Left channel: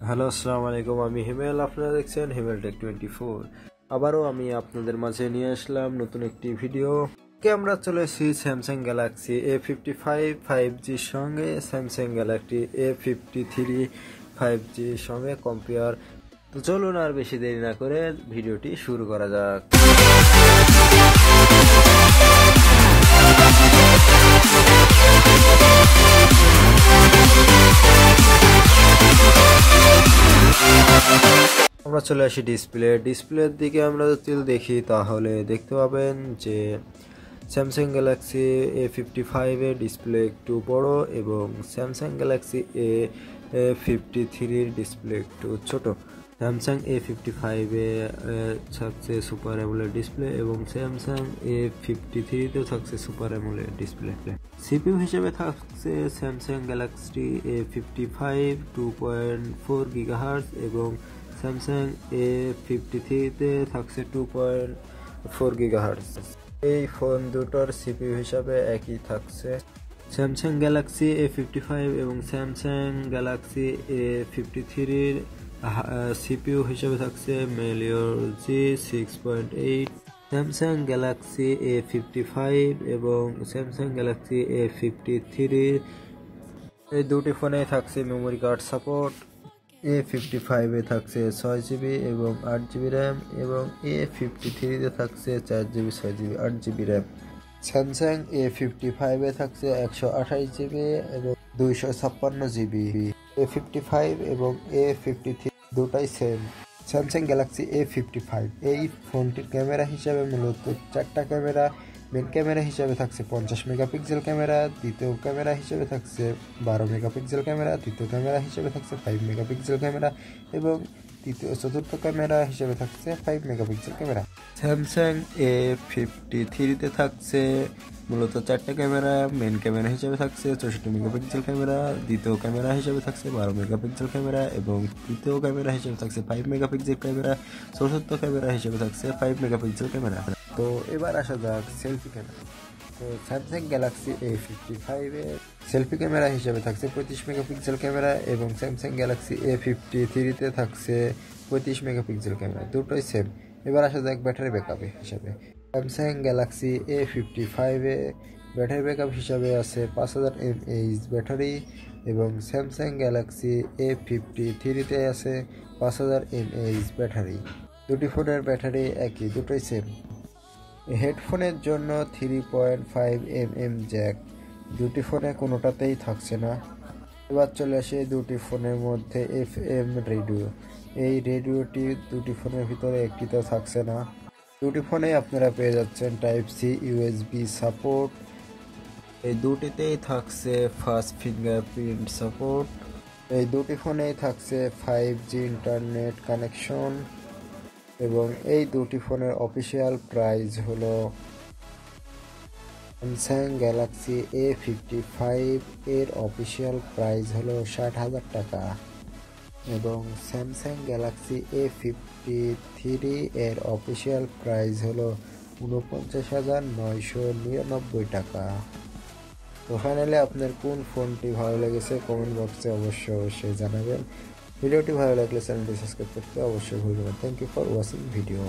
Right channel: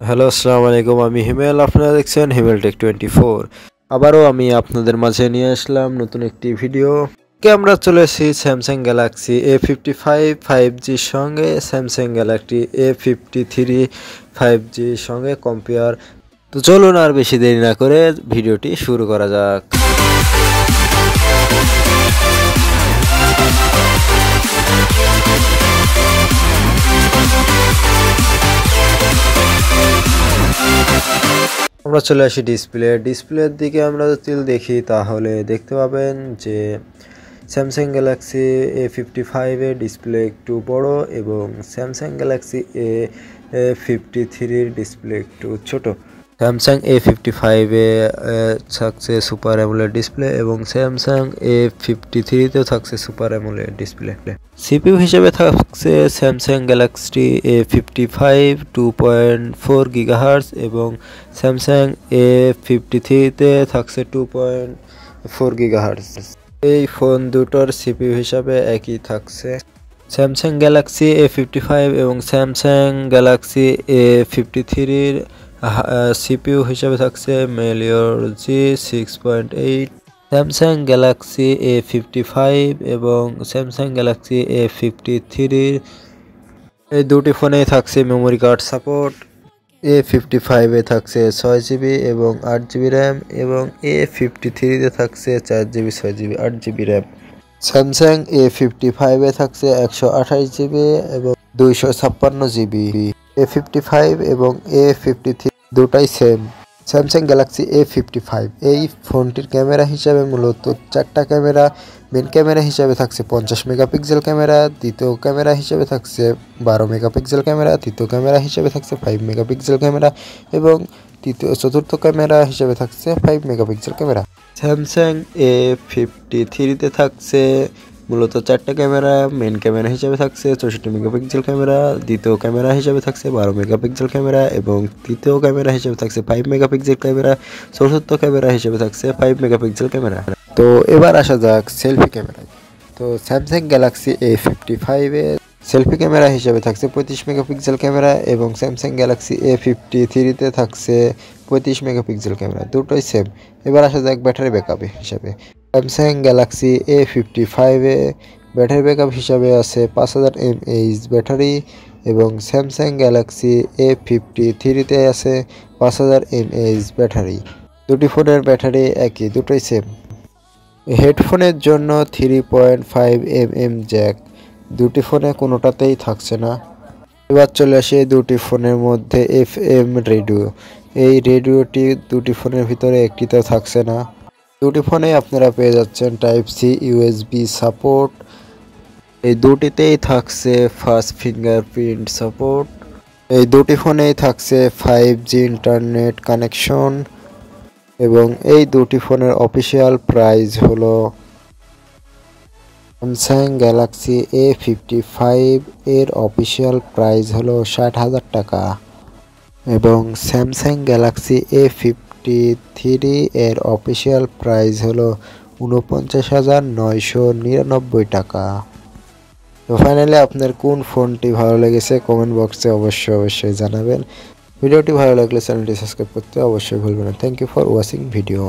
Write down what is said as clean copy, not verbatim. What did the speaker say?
Hello, আসসালামু আলাইকুম। আমি হিমেল, আপনারা দেখছেন হিমেল টেক 24। আবারও আমি আপনাদের মাঝে নিয়ে আসলাম নতুন একটি ভিডিও। আমরা চলে এসেছি স্যামসাং গ্যালাক্সি A55 5Gর সঙ্গে স্যামসাং গ্যালাক্সি A53 5Gর সঙ্গে কম্পেয়ার। তো চলুন আর বেশি দেরি না করে ভিডিওটি শুরু করা যাক। আমরা চলে আসি ডিসপ্লের দিকে। আমরা যদি দেখি তাহলে দেখতে পাবেন যে স্যামসাং গ্যালাক্সি A55 এর ডিসপ্লে একটু বড় এবং স্যামসাং গ্যালাক্সি A53 ডিসপ্লে একটু ছোট। স্যামসাং A55 এ থাকছে সুপার অ্যামোলেড ডিসপ্লে এবং স্যামসাং A53 তেও থাকছে সুপার অ্যামোলেড ডিসপ্লে। সিপিইউ হিসেবে থাকছে স্যামসাং গ্যালাক্সি A55 2.4 গিগাহার্টজ এবং স্যামসাং A53 তে থাকছে 2.4 গিগাহার্টজ। এই ফোন দুটোর সিপিইউ হিসাবে একই থাকছে। স্যামসাং গ্যালাক্সি A55 এবং স্যামসাং গ্যালাক্সি A53 সিপিইউ হিসাবে থাকছে মেলিওর G6.8। স্যামসাং গ্যালাক্সি A55 এবং স্যামসাং গ্যালাক্সি A53 এই দুটি ফোনেই থাকছে মেমোরি কার্ড সাপোর্ট। A55 এ থাকছে 6GB এবং 8GB র্যাম এবং A53 তে থাকছে 4GB 6GB 8GB RAM. Samsung A55 এ থাকছে 128GB এবং 256GB। A55 এবং A53 দুটাই সেম। স্যামসাং গ্যালাক্সি A55 এই ফোনটির ক্যামেরা হিসাবে মূলত 4টা ক্যামেরা। মেন ক্যামেরা হিসাবে থাকছে 50 মেগাপিক্সেল ক্যামেরা, দ্বিতীয় ক্যামেরা হিসেবে থাকছে 12 মেগাপিক্সেল ক্যামেরা, তৃতীয় ক্যামেরা হিসেবে থাকছে 5 মেগাপিক্সেল ক্যামেরা এবং চতুর্থ ক্যামেরা হিসেবে থাকছে 5 মেগাপিক্সেল ক্যামেরা। স্যামসাং A53 তে থাকছে মূলত 4টা ক্যামেরা। মেন ক্যামেরা হিসেবে থাকছে 64 মেগাপিক্সেল ক্যামেরা, দ্বিতীয় ক্যামেরা হিসেবে থাকছে 12 মেগাপিক্সেল ক্যামেরা এবং তৃতীয় ক্যামেরা হিসেবে থাকছে 5 মেগাপিক্সেল ক্যামেরা, চতুর্থ ক্যামেরা হিসেবে থাকছে 5 মেগাপিক্সেল ক্যামেরা। তো এবার আসা যাক সেলফি ক্যামেরা। তো Samsung Galaxy A55 a selfie camera হিসেবে থাকছে 35 মেগাপিক্সেল ক্যামেরা এবং স্যামসাং গ্যালাক্সি A53 তে থাকছে 35 মেগাপিক্সেল ক্যামেরা, দুটোই সেম। এবার আসা যাক ব্যাটারি ব্যাকআপ হিসাবে। স্যামসাং গ্যালাক্সি A55 এ ব্যাটারি ব্যাকআপ হিসাবে আছে 5000 mAh ব্যাটারি এবং স্যামসাং গ্যালাক্সি A53 তে আছে 5000 mAh ব্যাটারি। দুটি ফোনের ব্যাটারি একই, দুটোই সেম। হেডফোনের জন্য 3.5mm জ্যাক, দুটি ফোনে কোনোটাতেই থাকছে না। এবার চলে আসে দুটি ফোনের মধ্যে FM রেডিও। এই রেডিওটি দুটি ফোনের ভিতরে একটিতেও থাকছে না। দুটি ফোনেই আপনারা পেয়ে যাচ্ছেন Type-C USB সাপোর্ট। এই দুটিতেই থাকছে ফাস্ট ফিঙ্গারপ্রিন্ট সাপোর্ট। এই দুটি ফোনেই থাকছে 5G ইন্টারনেট কানেকশন এবং এই দুটি ফোনের অফিসিয়াল প্রাইস হলো স্যামসাং গ্যালাক্সি A55 এর অফিসিয়াল প্রাইস হলো 60,000 টাকা এবং স্যামসাং গ্যালাক্সি A53 এর অফিসিয়াল প্রাইস হলো 49,999 টাকা। তো ফাইনালি আপনার কোন ফোনটি ভালো লেগেছে কমেন্ট বক্সে অবশ্যই জানাবেন। ভিডিওটি ভালো লাগলে চ্যানেলটি সাবস্ক্রাইব করতে অবশ্যই ভুলবেন না। Thank you for watching video.